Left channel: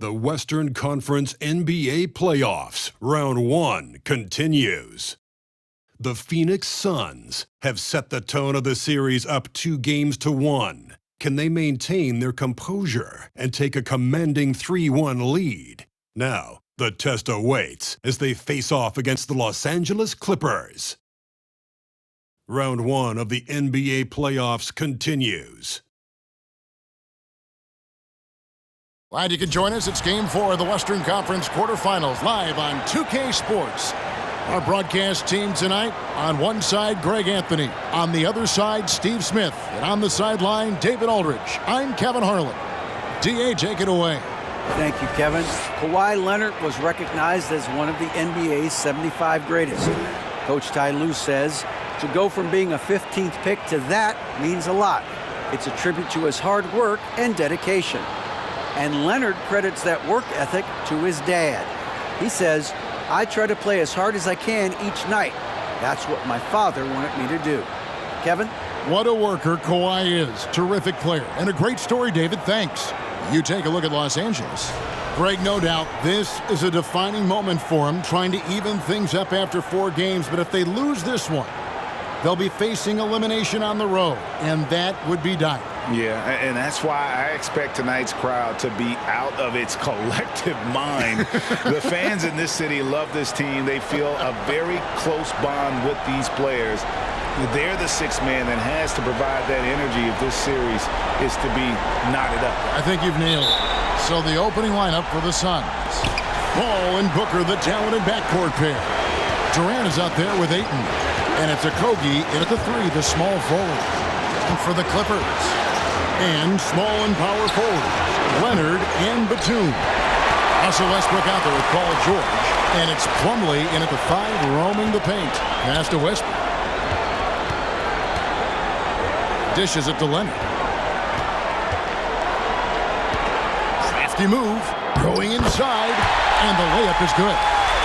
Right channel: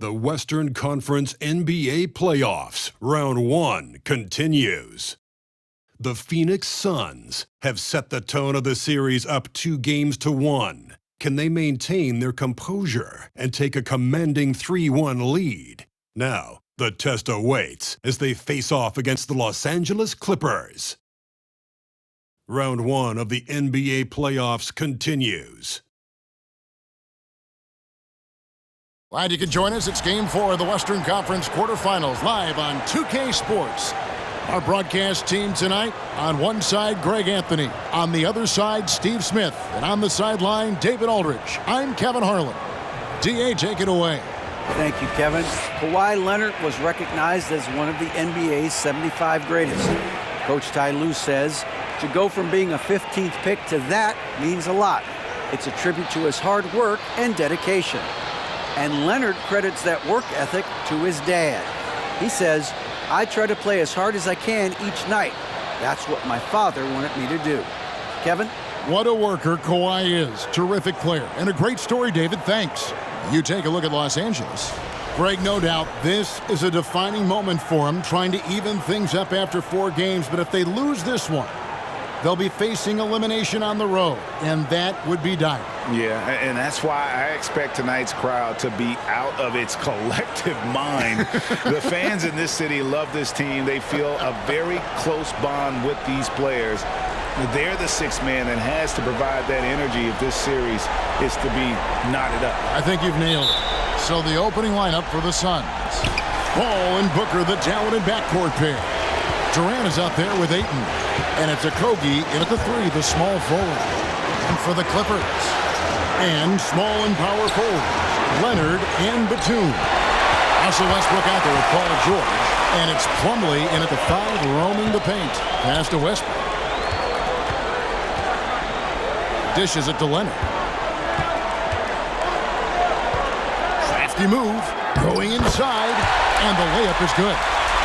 The Western Conference NBA Playoffs, Round 1 continues. The Phoenix Suns have set the tone of the series up 2-1. Can they maintain their composure and take a commanding 3-1 lead? Now, the test awaits as they face off against the Los Angeles Clippers. Round 1 of the NBA Playoffs continues. Glad you could join us. It's Game 4 of the Western Conference quarterfinals live on 2K Sports. Our broadcast team tonight, on one side, Greg Anthony. On the other side, Steve Smith. And on the sideline, David Aldridge. I'm Kevin Harlan. DA, take it away. Thank you, Kevin. Kawhi Leonard was recognized as one of the NBA's 75 greatest. Coach Ty Lue says to go from being a 15th pick to that means a lot. It's a tribute to his hard work and dedication. And Leonard credits that work ethic to his dad. He says, "I try to play as hard as I can each night. That's what my father wanted me to do." Kevin? What a worker Kawhi is. Terrific player. And a great story, David. Thanks. You take a look at Los Angeles. Greg, no doubt, this is a defining moment for him, trying to even things up after 4 games. But if they lose this one, they'll be facing elimination on the road, and that would be dire. Yeah, and that's why I expect tonight's crowd to be out of its collective mind. The fans in this city love this team. They feel a very close bond with these players. They're the sixth man that has to provide that energy if this series is to be knotted up. I think you've nailed it. So the opening lineup for the Suns. Ball and Booker, the talented backcourt pair. Durant is out there with Ayton. And it's Okogie in at the 3, the small forward. And for the Clippers. And small and power forwards, Leonard and Batum. Russell Westbrook out there with Paul George. And it's Plumlee in at the 5, roaming the paint. Pass to Westbrook. Dishes it to Leonard. Crafty move. Going inside. And the layup is good.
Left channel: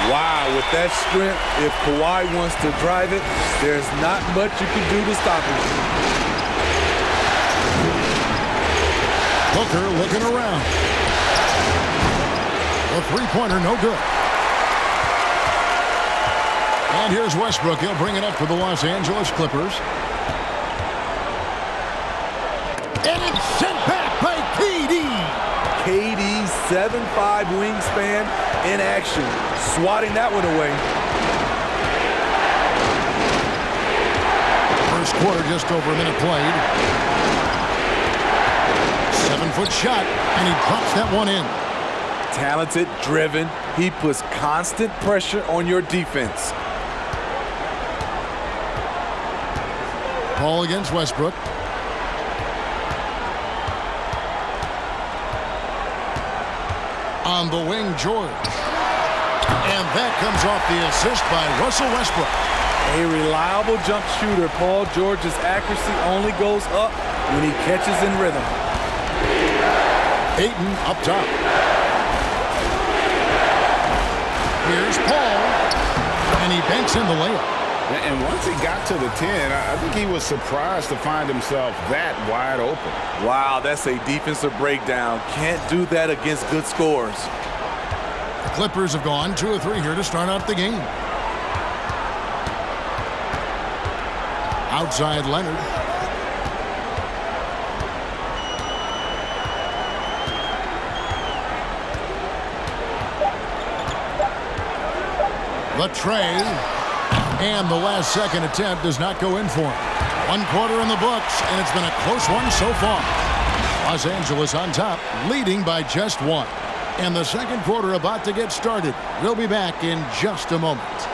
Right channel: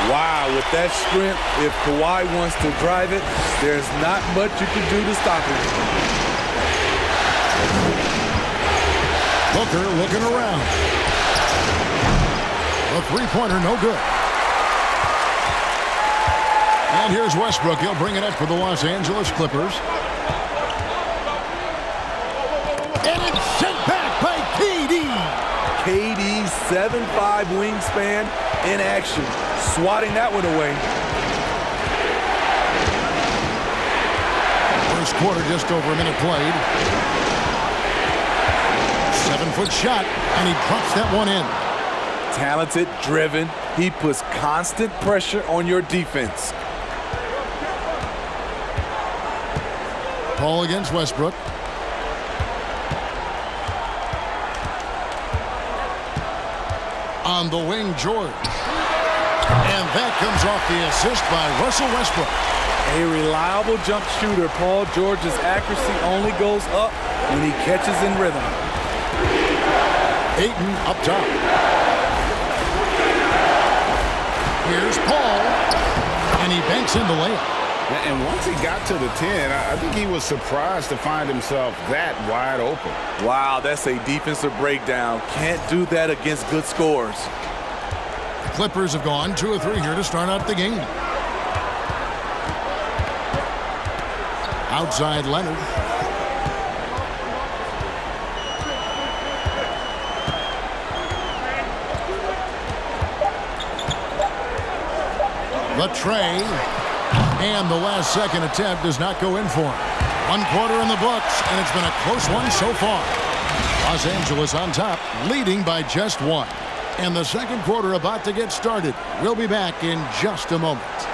Wow, with that strength, if Kawhi wants to drive it, there's not much you can do to stop him. Booker looking around. The three-pointer, no good. And here's Westbrook. He'll bring it up for the Los Angeles Clippers. And it's sent back by KD. KD's 7'5" wingspan in action, swatting that one away. First quarter, just over a minute played. 7-foot shot, and he drops that one in. Talented, driven, he puts constant pressure on your defense. Ball against Westbrook. On the wing, George. And that comes off the assist by Russell Westbrook. A reliable jump shooter. Paul George's accuracy only goes up when he catches in rhythm. Ayton up top. Here's Paul. And he banks in the layup. And once he got to the 10, I think he was surprised to find himself that wide open. Wow, that's a defensive breakdown. Can't do that against good scores. The Clippers have gone 2 of 3 here to start out the game. Outside Leonard. The tray. And the last second attempt does not go in for him. 1 quarter in the books, and it's been a close one so far. Los Angeles on top, leading by just 1. And the second quarter about to get started. We'll be back in just a moment.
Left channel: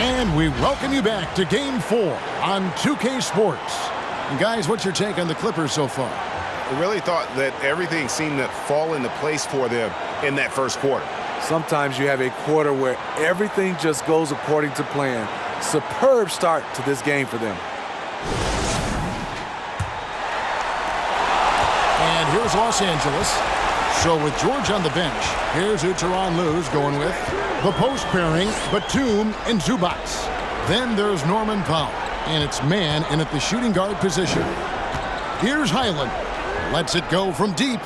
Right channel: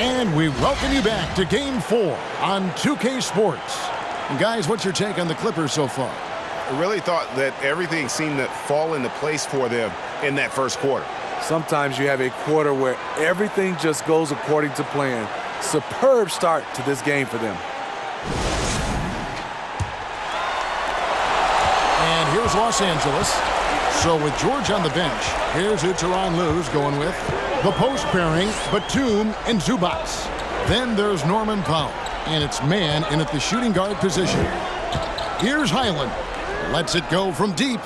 And we welcome you back to Game 4 on 2K Sports. And guys, what's your take on the Clippers so far? I really thought that everything seemed to fall into place for them in that first quarter. Sometimes you have a quarter where everything just goes according to plan. Superb start to this game for them. And here's Los Angeles. So with George on the bench, here's who Tyronn Lue's going with. The post pairing, Batum and Zubats. Then there's Norman Powell, and it's man in at the shooting guard position. Here's Highland. Lets it go from deep.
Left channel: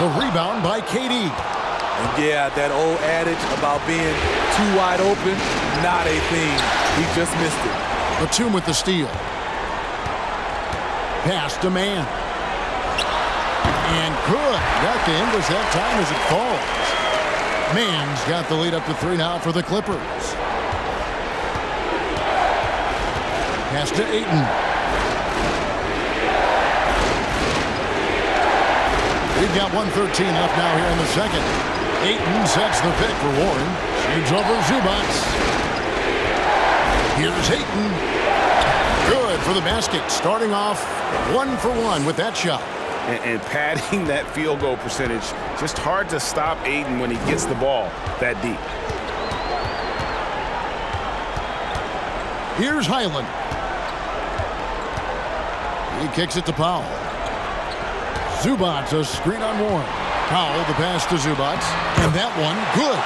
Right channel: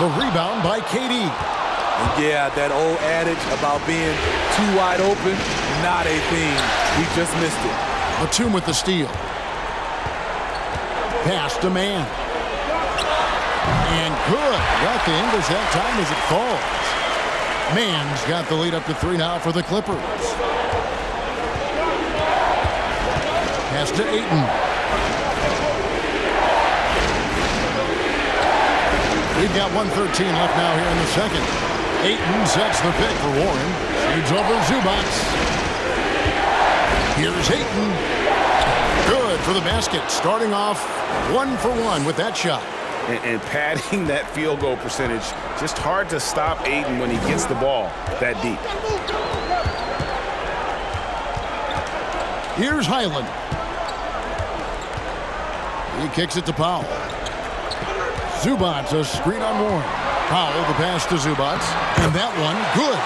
The rebound by KD. And yeah, that old adage about being too wide open, not a thing. He just missed it. Batum with the steal. Pass to man. And good. Got the English that time as it falls. Man's got the lead up to 3 now for the Clippers. Pass to Ayton. We've got 1:13 left now here in the second. Ayton sets the pick for Warren. Shoots over Zubats. Here's Ayton. Good for the basket. Starting off 1 for 1 with that shot. And padding that field goal percentage, just hard to stop Ayton when he gets the ball that deep. Here's Highland. He kicks it to Powell. Zubats a screen on Warren. Powell the pass to Zubats. And that one, good.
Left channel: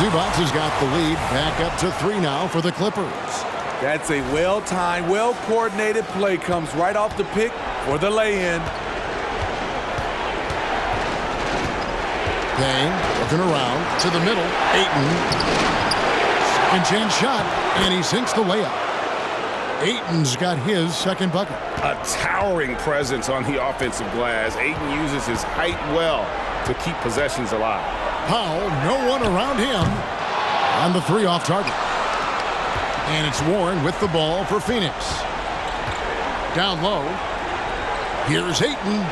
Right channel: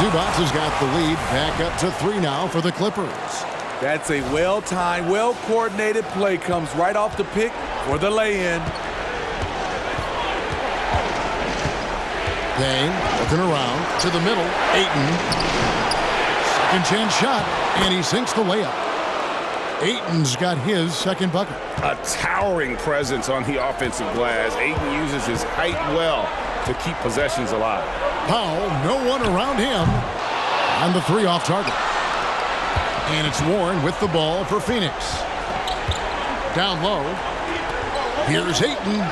Zubats has got the lead back up to 3 now for the Clippers. That's a well-timed, well-coordinated play. Comes right off the pick for the lay-in. Payne looking around to the middle. Ayton. Second chance shot, and he sinks the layup. Ayton's got his second bucket. A towering presence on the offensive glass. Ayton uses his height well to keep possessions alive. Powell, no one around him. On the 3 off target. And it's Warren with the ball for Phoenix. Down low. Here's Ayton.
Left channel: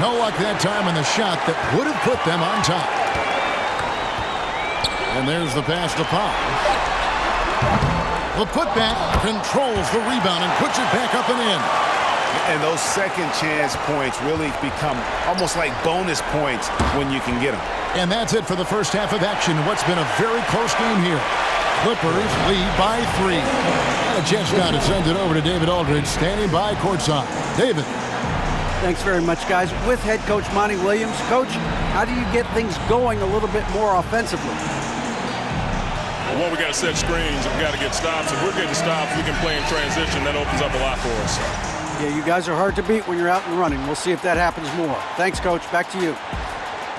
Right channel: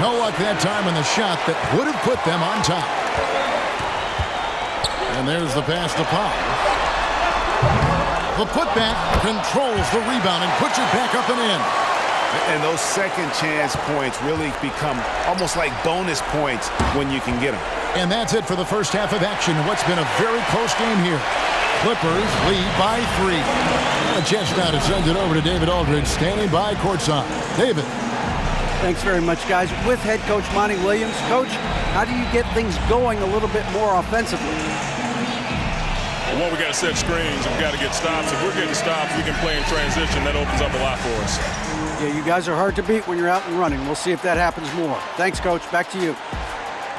No luck that time on the shot that would have put them on top. And there's the pass to Powell. The putback controls the rebound and puts it back up and in. And those second chance points really become almost like bonus points when you can get them. And that's it for the first half of action in what's been a very close game here. Clippers lead by 3. And a chance now to send it over to David Aldridge, standing by courtside. David. Thanks very much, guys. With head coach Monty Williams. Coach, how do you get things going a little bit more offensively? Well, one, we got to set screens. We got to get stops. If we're getting stops, we can play in transition. That opens up a lot for us. Yeah, you guys are hard to beat when you're out and running. We'll see if that happens more. Thanks, Coach. Back to you.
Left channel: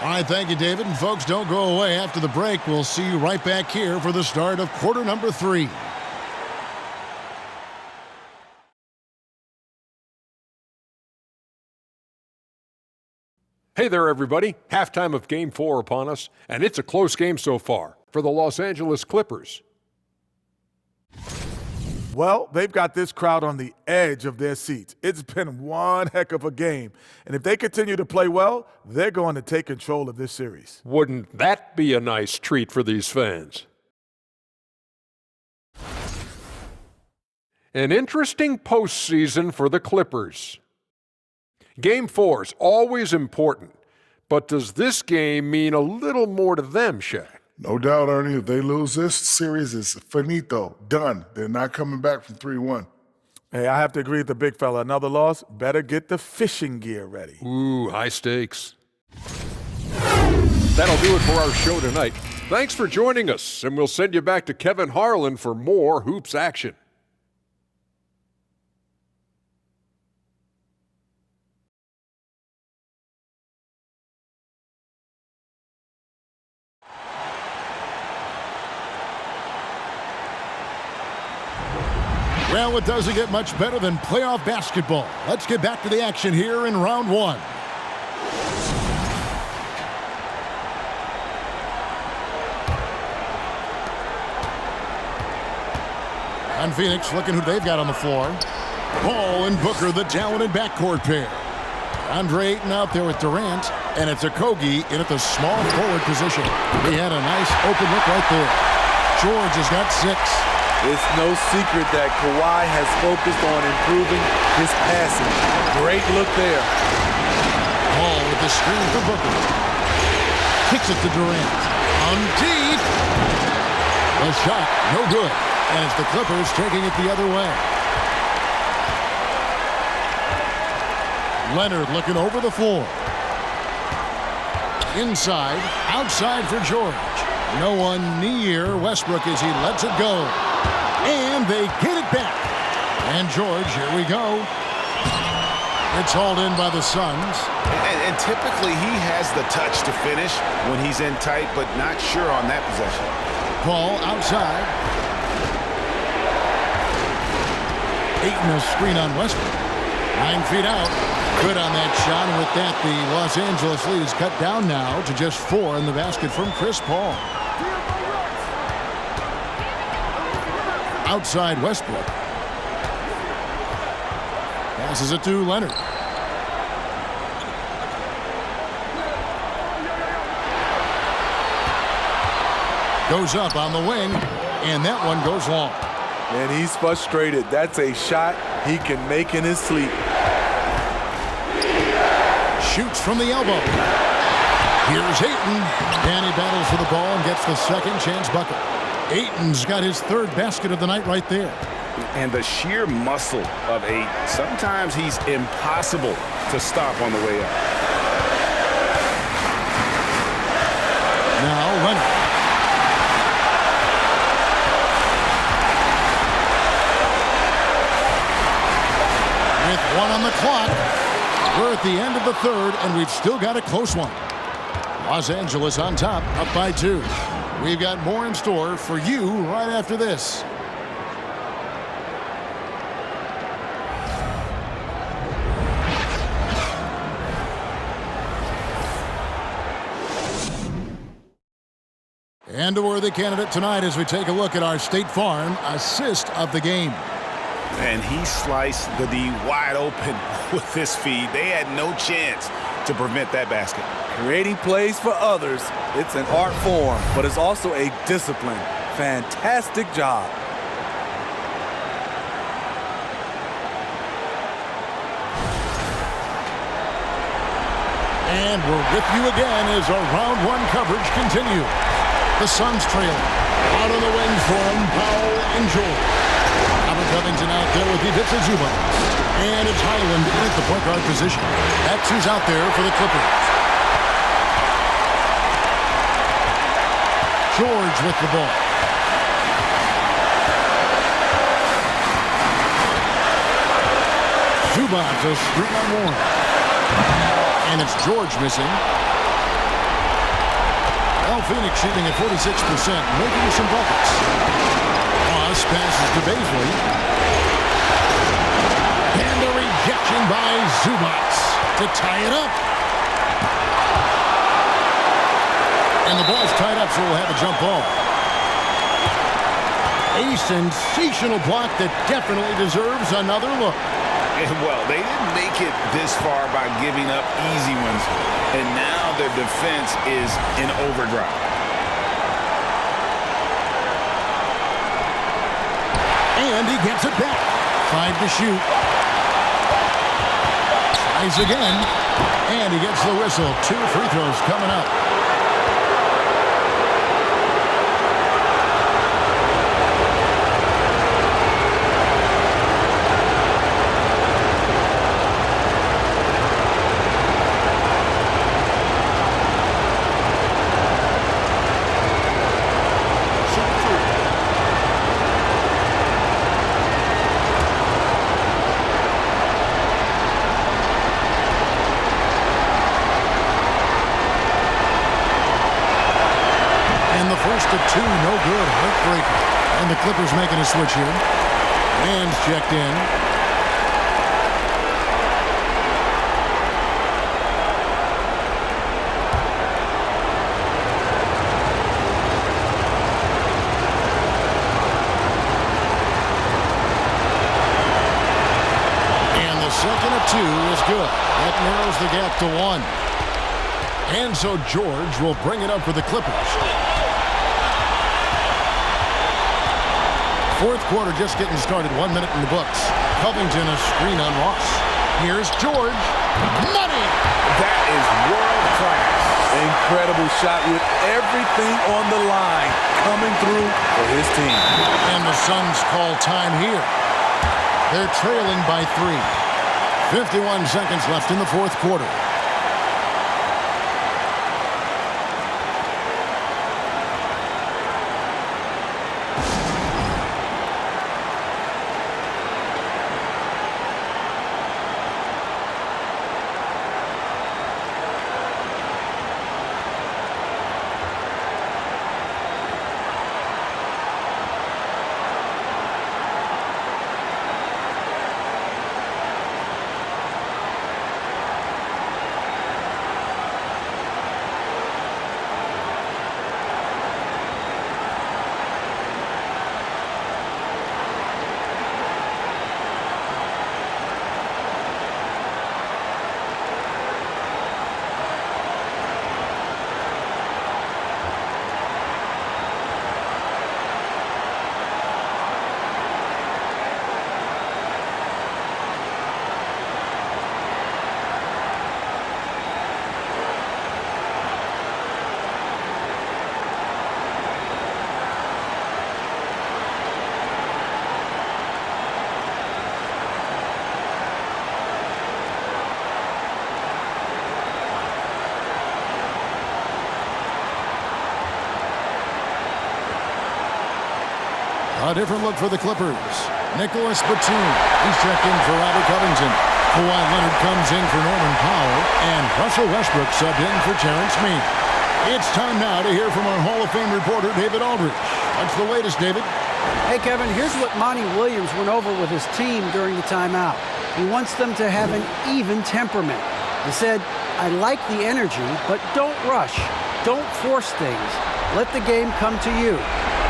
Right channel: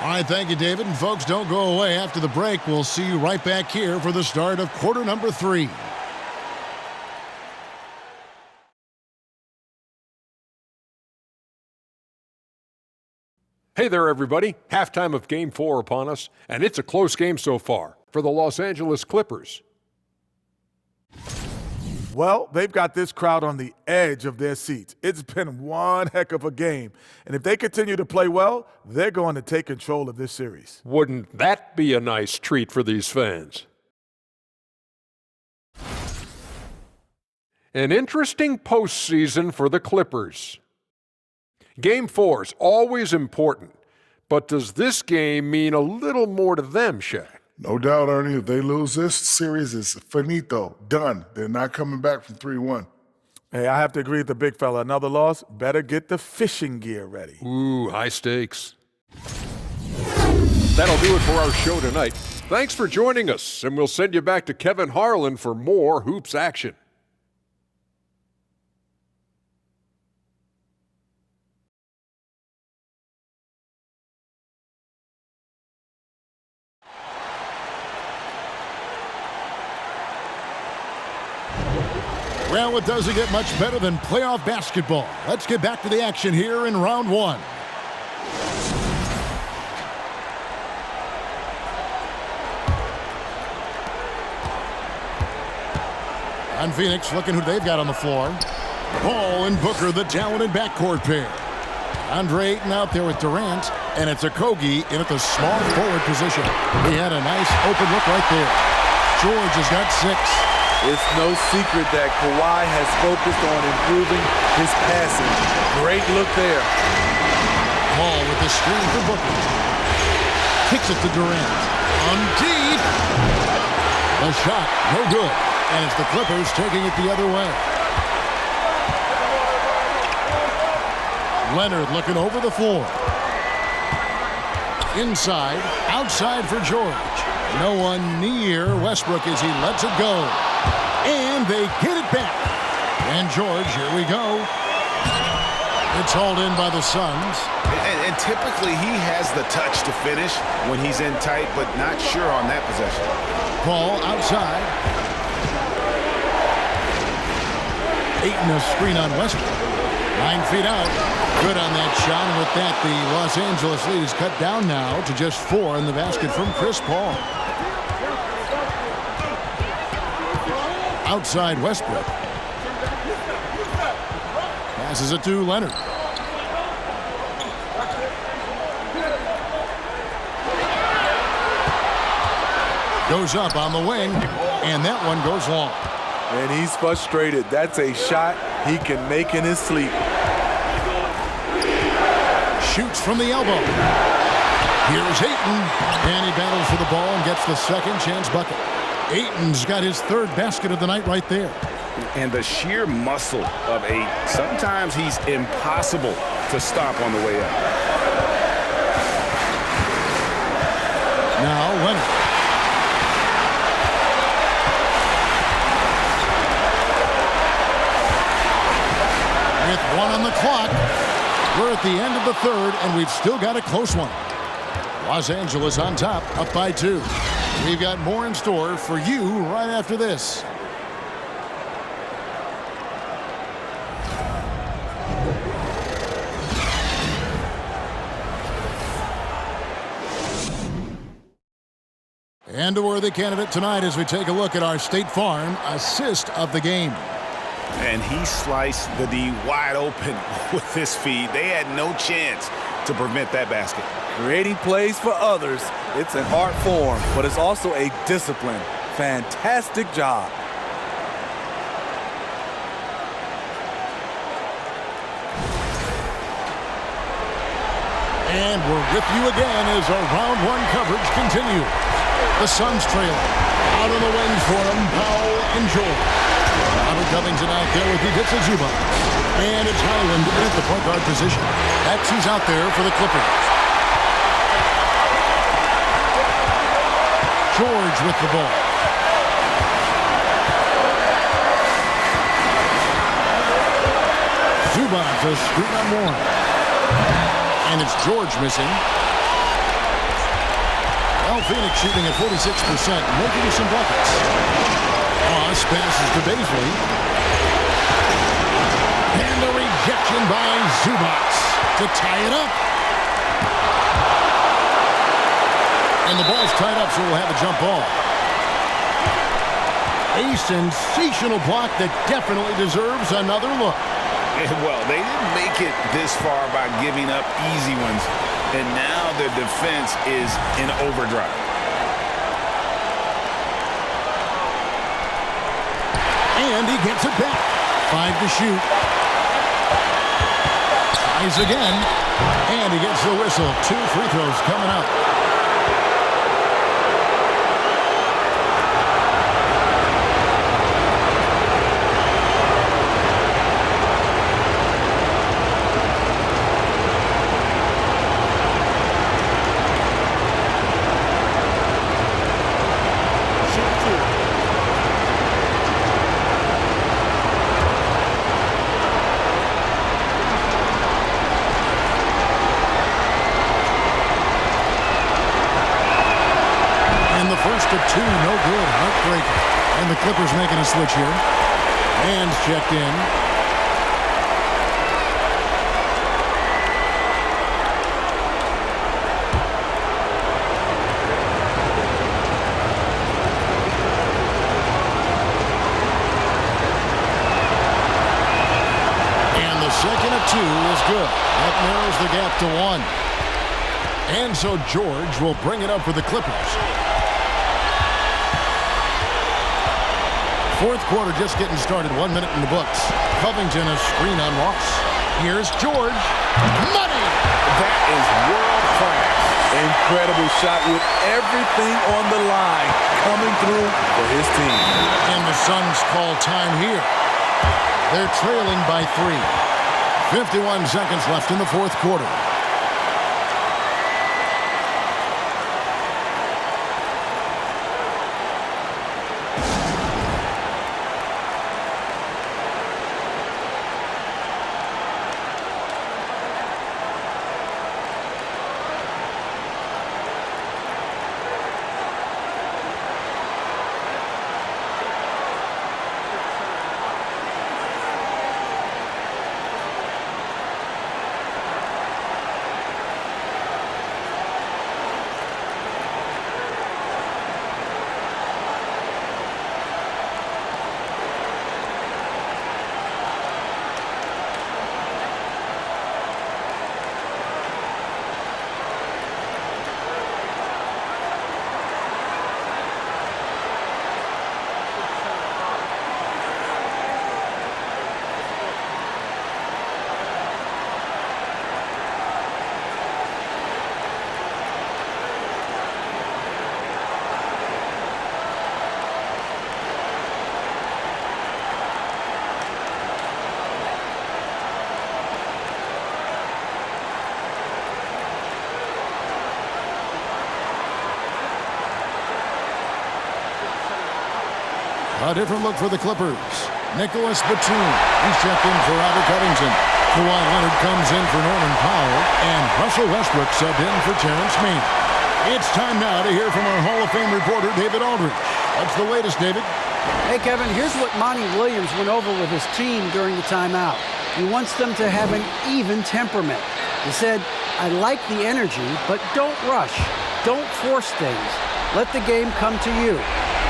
All right, thank you, David. And folks, don't go away. After the break, we'll see you right back here for the start of quarter number 3. Hey there, everybody. Halftime of Game 4 upon us, and it's a close game so far for the Los Angeles Clippers. Well, they've got this crowd on the edge of their seats. It's been one heck of a game. And if they continue to play well, they're going to take control of this series. Wouldn't that be a nice treat for these fans? An interesting postseason for the Clippers. Game 4's always important, but does this game mean a little more to them, Shaq? No doubt, Ernie. If they lose this series, it's finito, done. They're not coming back from 3-1. Hey, I have to agree with the big fella. Another loss, better get the fishing gear ready. Ooh, high stakes. That'll do it for our show tonight. Thanks for joining us, and we'll send you back to Kevin Harlan for more hoops action. Well, it doesn't get much better than playoff basketball. Let's get back to the action here in round 1. And Phoenix looking who they've got on the floor. Ball and Booker, the talented backcourt pair. Andre Ayton out there with Durant, and it's Okogie in at the small forward position. He had a nice open look right there. George has got 6. It's no secret that Kawhi has focused on improving his passing. Great look there. Ball with the screen for Booker. Kicks it to Durant. On deep. The shot, no good. And it's the Clippers taking it the other way. Leonard looking over the floor. Inside, outside for George. No one near Westbrook as he lets it go. And they get it back. And George, here we go. It's hauled in by the Suns. And typically he has the touch to finish when he's in tight, but not sure on that possession. Paul outside. Ayton a screen on Westbrook. 9 feet out. Good on that shot. And with that, the Los Angeles lead is cut down now to just 4 in the basket from Chris Paul. Outside Westbrook. Passes it to Leonard. Goes up on the wing, and that one goes long. And he's frustrated. That's a shot he can make in his sleep. Shoots from the elbow. Here's Ayton. And he battles for the ball and gets the second chance bucket. Ayton's got his 3rd basket of the night right there. And the sheer muscle of Ayton. Sometimes he's impossible to stop on the way up. Now Leonard. With 1 on the clock, we're at the end of the 3rd, and we've still got a close one. Los Angeles on top, up by 2. We've got more in store for you right after this. And a worthy candidate tonight as we take a look at our State Farm assist of the game. And he sliced the D wide open with his feed. They had no chance to prevent that basket. Creating plays for others, it's an art form, but it's also a discipline. Fantastic job. And we're with you again as our round 1 coverage continues. The Suns trailing. Out on the wings for them, Powell and George. Robert Covington out there with Ivica Zubac. And it's Highland at the point guard position. That's who's out there for the Clippers. George with the ball. Zubac a screen on Warren. And it's George missing. Well, Phoenix shooting at 46%, making some buckets. Ross passes to Baisley. And a rejection by Zubac to tie it up. And the ball's tied up, so we'll have a jump ball. A sensational block that definitely deserves another look. Well, they didn't make it this far by giving up easy ones, and now their defense is in overdrive. And he gets it back. 5 to shoot. Tries again. And he gets the whistle. 2 free throws coming up. And the first of 2, no good. Heartbreaker. And the Clippers making a switch here. Man's checked in. And the second of 2 is good. That narrows the gap to 1. And so George will bring it up for the Clippers. Fourth quarter just getting started. 1 minute in the books. Covington a screen on Ross. Here's George. Money! That is world class. Incredible shot with everything on the line coming through for his team. And the Suns call time here. They're trailing by 3. 51 seconds left in the fourth quarter. A different look for the Clippers. Nicholas Batum. He's checked in for Robert Covington. Kawhi Leonard comes in for Norman Powell. And Russell Westbrook subbed in for Terrence Mann. It's time now to hear from our Hall of Fame reporter, David Aldridge. What's the latest, David? Hey, Kevin, here's what Monty Williams went over with his team during the timeout. He wants them to have an even temperament. He said, I like the energy, but don't rush. Don't force things. Let the game come to you.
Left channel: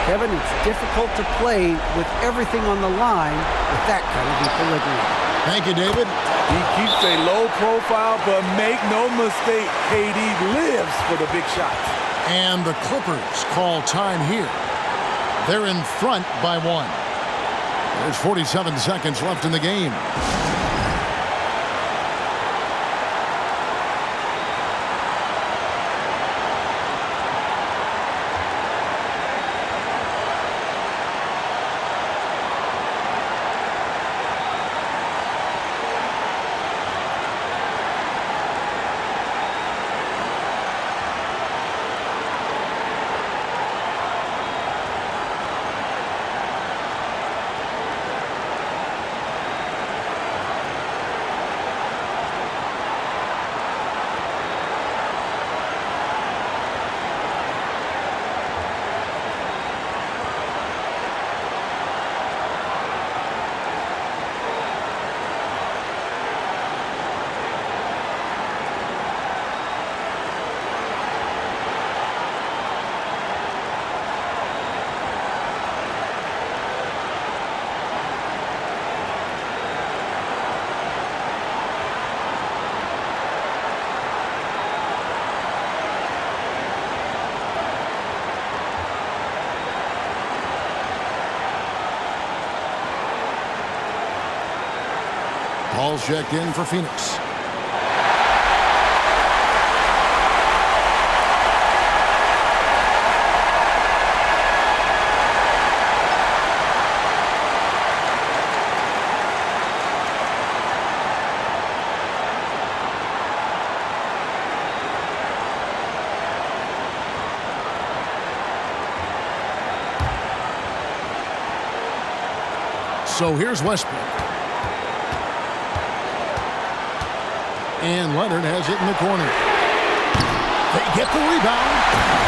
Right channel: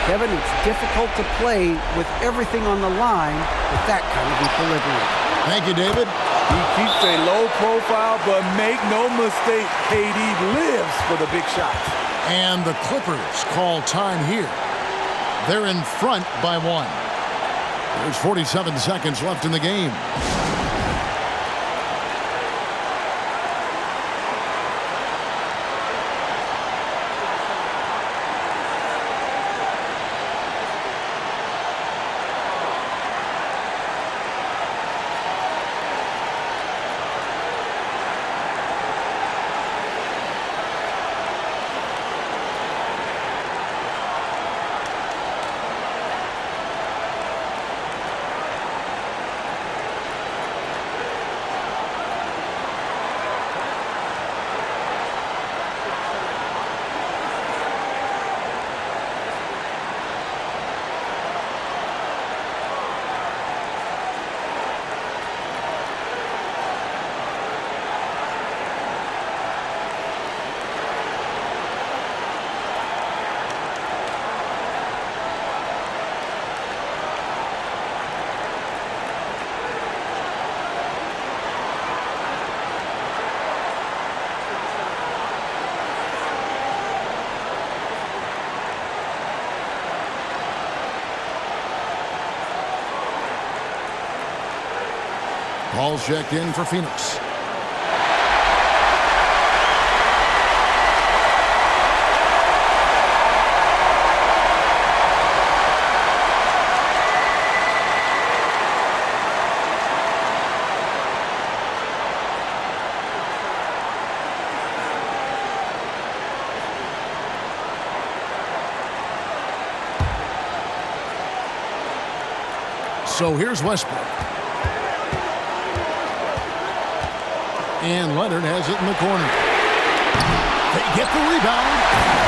Kevin, it's difficult to play with everything on the line with that kind of equilibrium. Thank you, David. He keeps a low profile, but make no mistake, KD lives for the big shots. And the Clippers call time here. They're in front by 1. There's 47 seconds left in the game. Paul's checked in for Phoenix. So here's Westbrook. And Leonard has it in the corner. They get the rebound.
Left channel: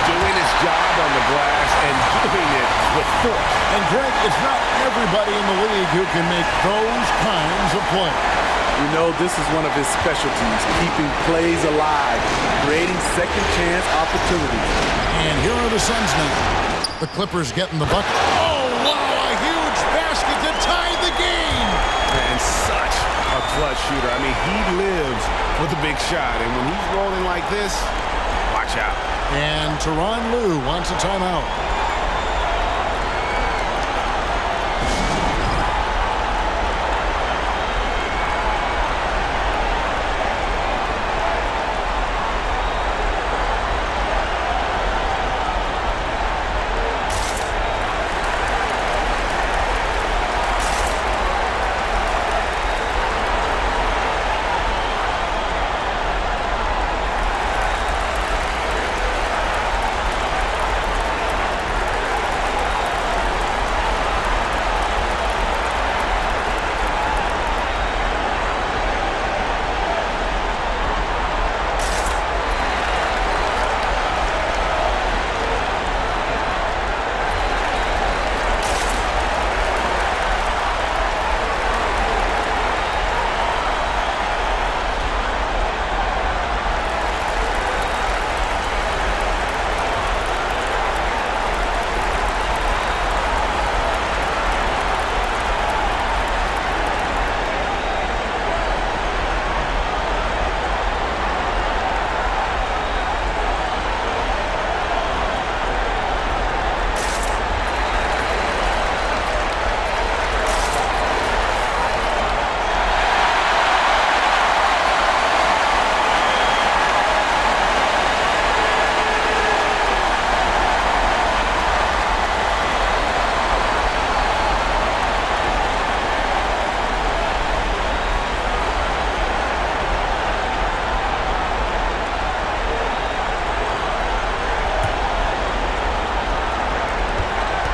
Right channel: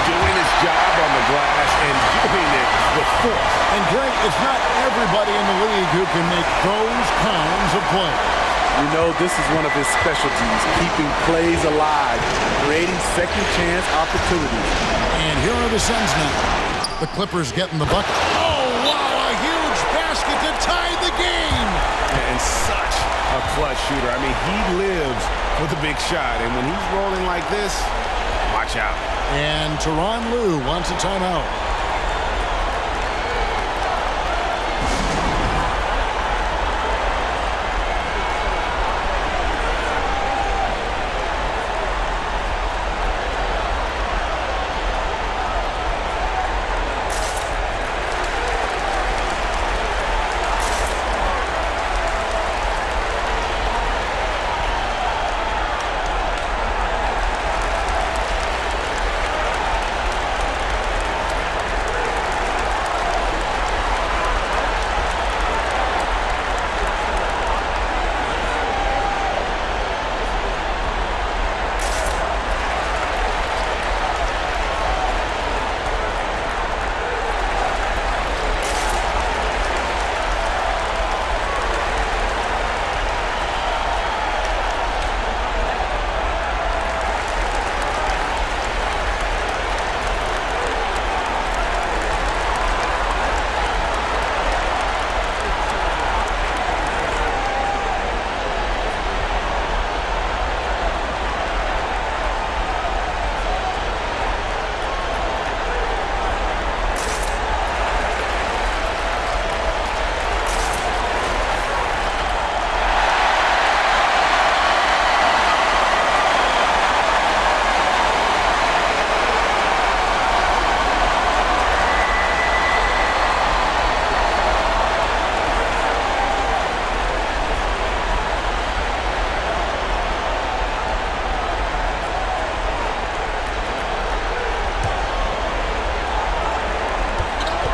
Doing his job on the glass and doing it with force. And Greg, it's not everybody in the league who can make those kinds of plays. You know, this is one of his specialties, keeping plays alive, creating second chance opportunities. And here are the Suns now. The Clippers getting the bucket. Oh, wow, a huge basket to tie the game. And such a clutch shooter. I mean, he lives with a big shot. And when he's rolling like this, watch out. And Tyronn Lue wants a timeout.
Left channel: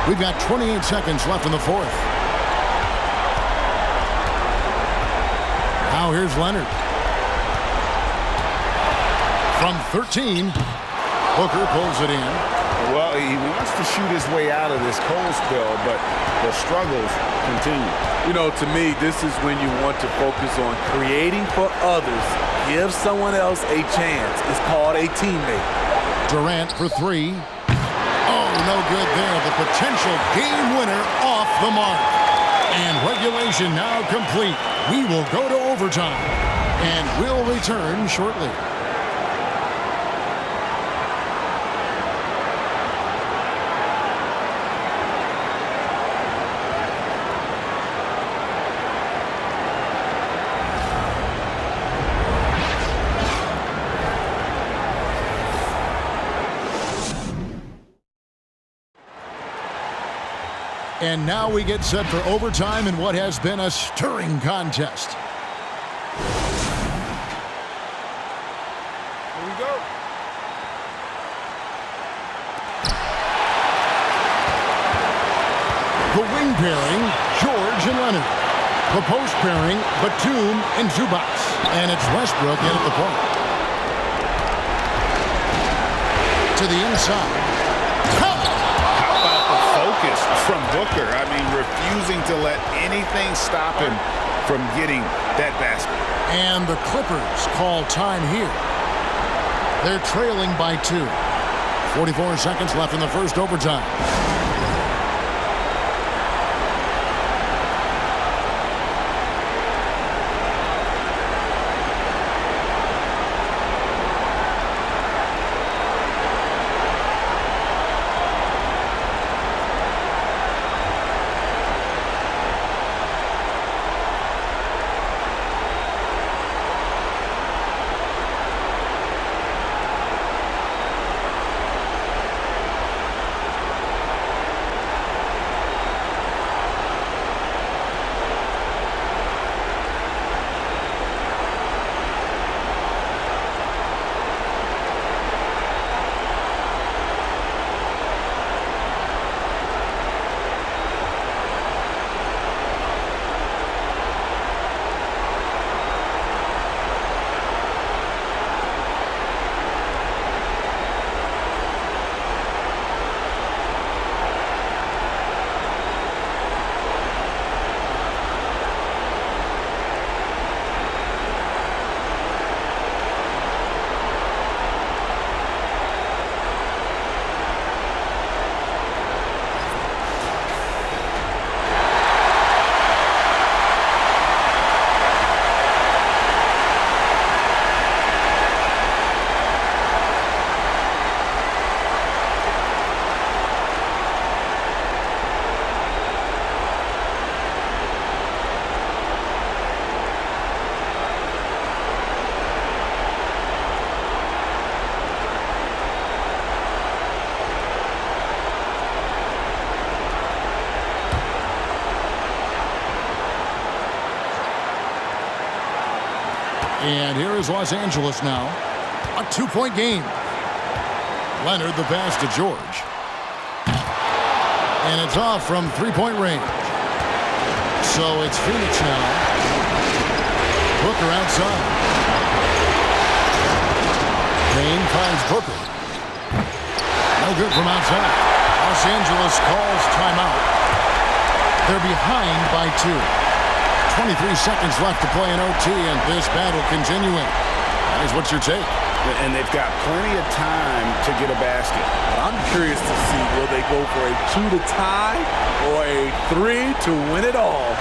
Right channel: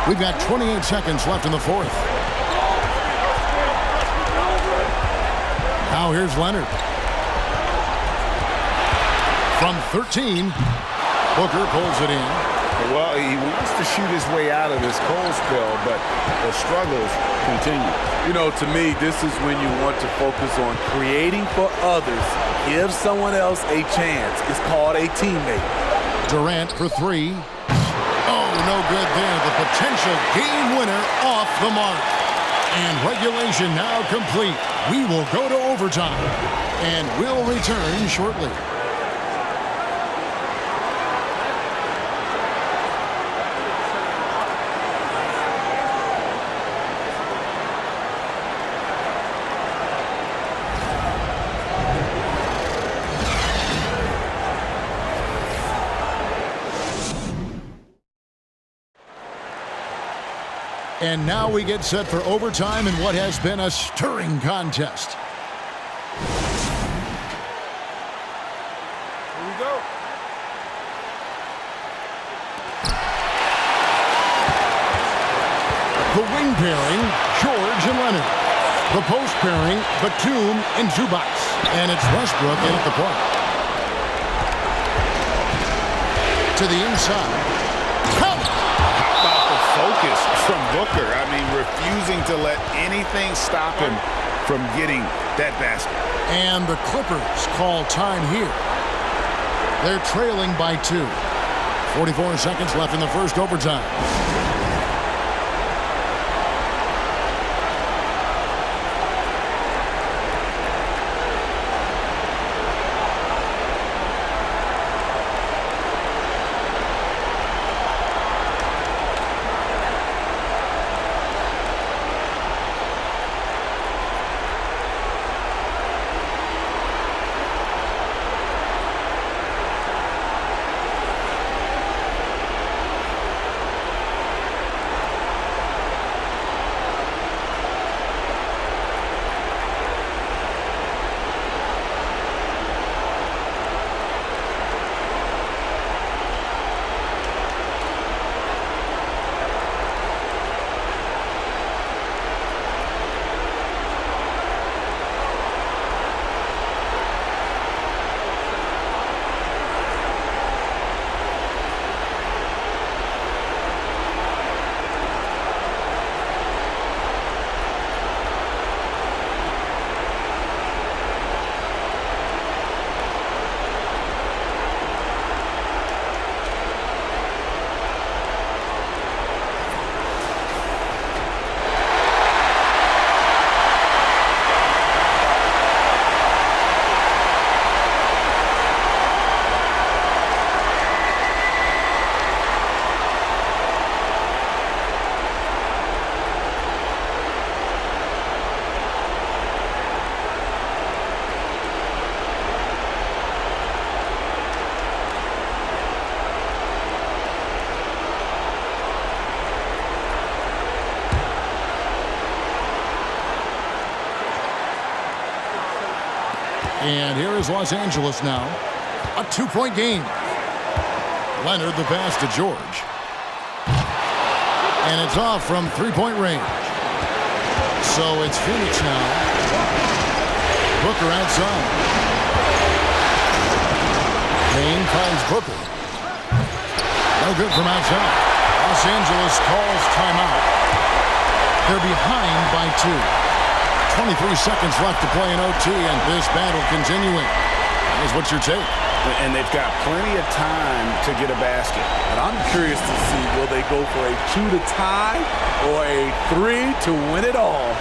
We've got 28 seconds left in the fourth. Now here's Leonard. From 13, Booker pulls it in. Well, he wants to shoot his way out of this cold spell, but the struggles continue. You know, to me, this is when you want to focus on creating for others. Give someone else a chance. It's called a teammate. Durant for three. Oh, no good there. The potential game winner off the mark. And regulation now complete. We will go to overtime. And we'll return shortly. And now we get set for overtime in what has been a stirring contest. Here we go. The wing pairing, George and Leonard. The post pairing, Batum and Zubac. And it's Westbrook in at the point. To the inside. Focus from Booker. I mean, refusing to let anything stop him from getting that basket. And the Clippers call time here. They're trailing by 2. 44 seconds left in the first overtime. And here is Los Angeles now. A 2-point game. Leonard the pass to George. And it's off from 3-point range. So it's Phoenix now. Booker outside. Payne finds Booker. No good from outside. Los Angeles calls timeout. They're behind by 2. 23 seconds left to play in OT, and this battle continuing. Guys, what's your take? And they've got plenty of time to get a basket. But I'm curious to see, will they go for a 2 to tie or a 3 to win it all?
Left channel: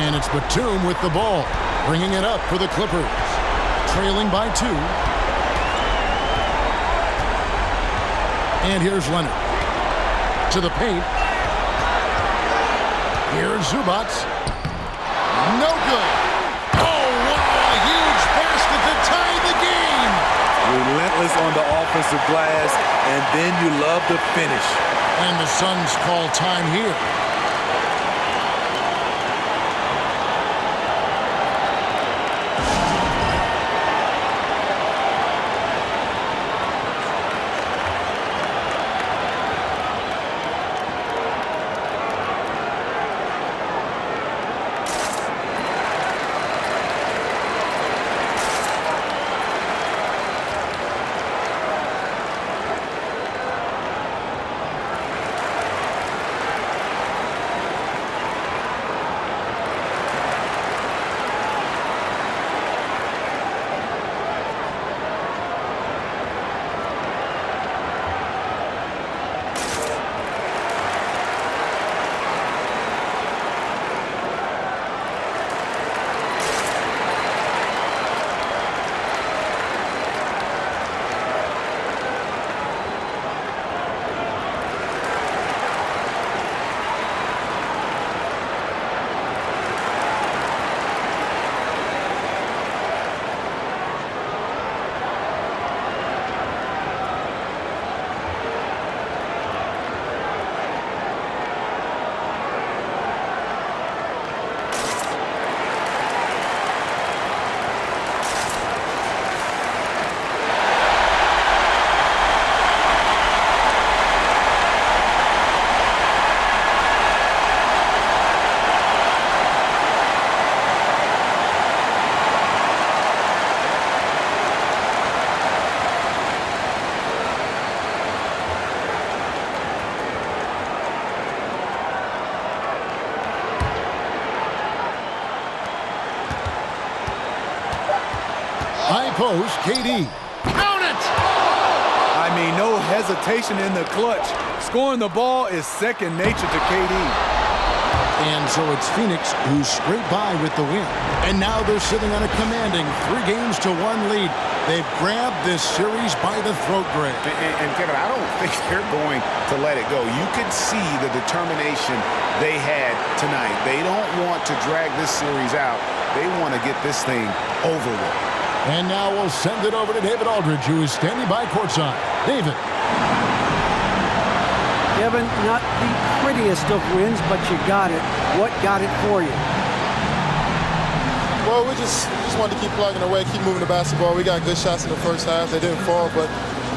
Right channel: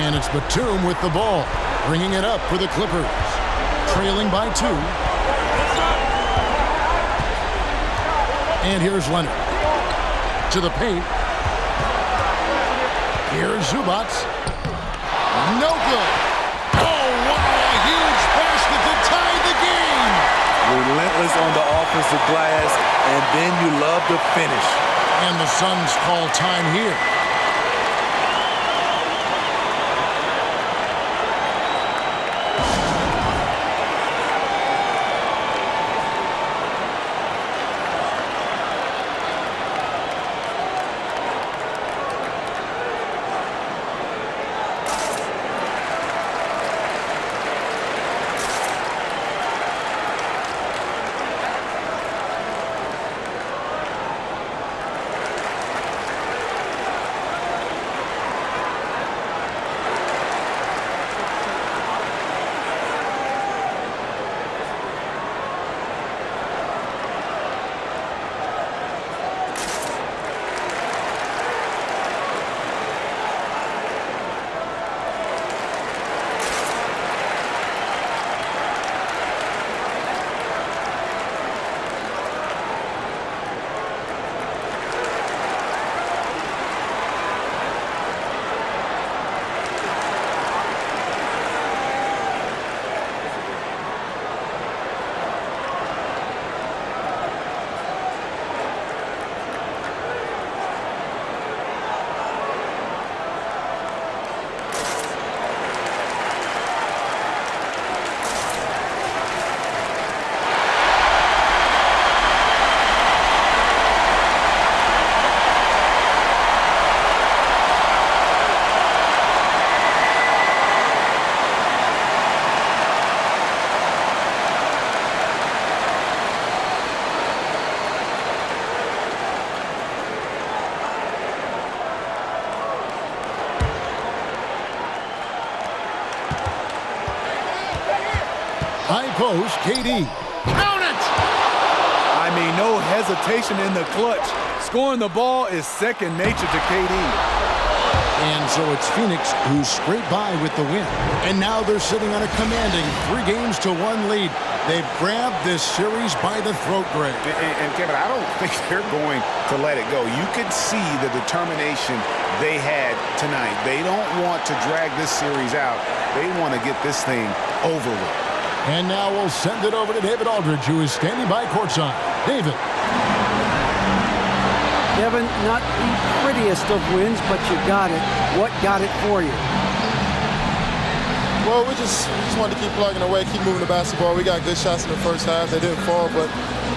And it's Batum with the ball, bringing it up for the Clippers. Trailing by 2. And here's Leonard. To the paint. Here's Zubac. No good. Oh, wow, a huge basket to tie the game. Relentless on the offensive glass, and then you love the finish. And the Suns call time here. High post, KD. Count it! I mean, no hesitation in the clutch. Scoring the ball is second nature to KD. And so it's Phoenix who scraped by with the win. And now they're sitting on a commanding 3-1 lead. They've grabbed this series by the throat, Greg. And Kevin, I don't think they're going to let it go. You can see the determination they had tonight. They don't want to drag this series out. They want to get this thing over with. And now we'll send it over to David Aldridge, who is standing by courtside. David. Kevin, not the prettiest of wins, but you got it. What got it for you? Well, we just wanted to keep plugging away, keep moving the basketball. We got good shots in the first half. They didn't fall, but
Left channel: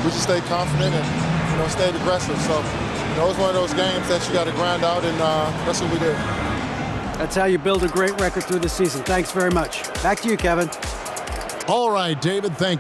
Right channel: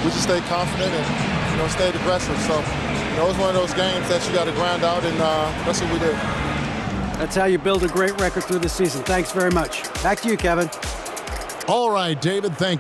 we just stayed confident and, stayed aggressive. So, it was one of those games that you got to grind out, and that's what we did. That's how you build a great record through the season. Thanks very much. Back to you, Kevin. All right, David, thank you.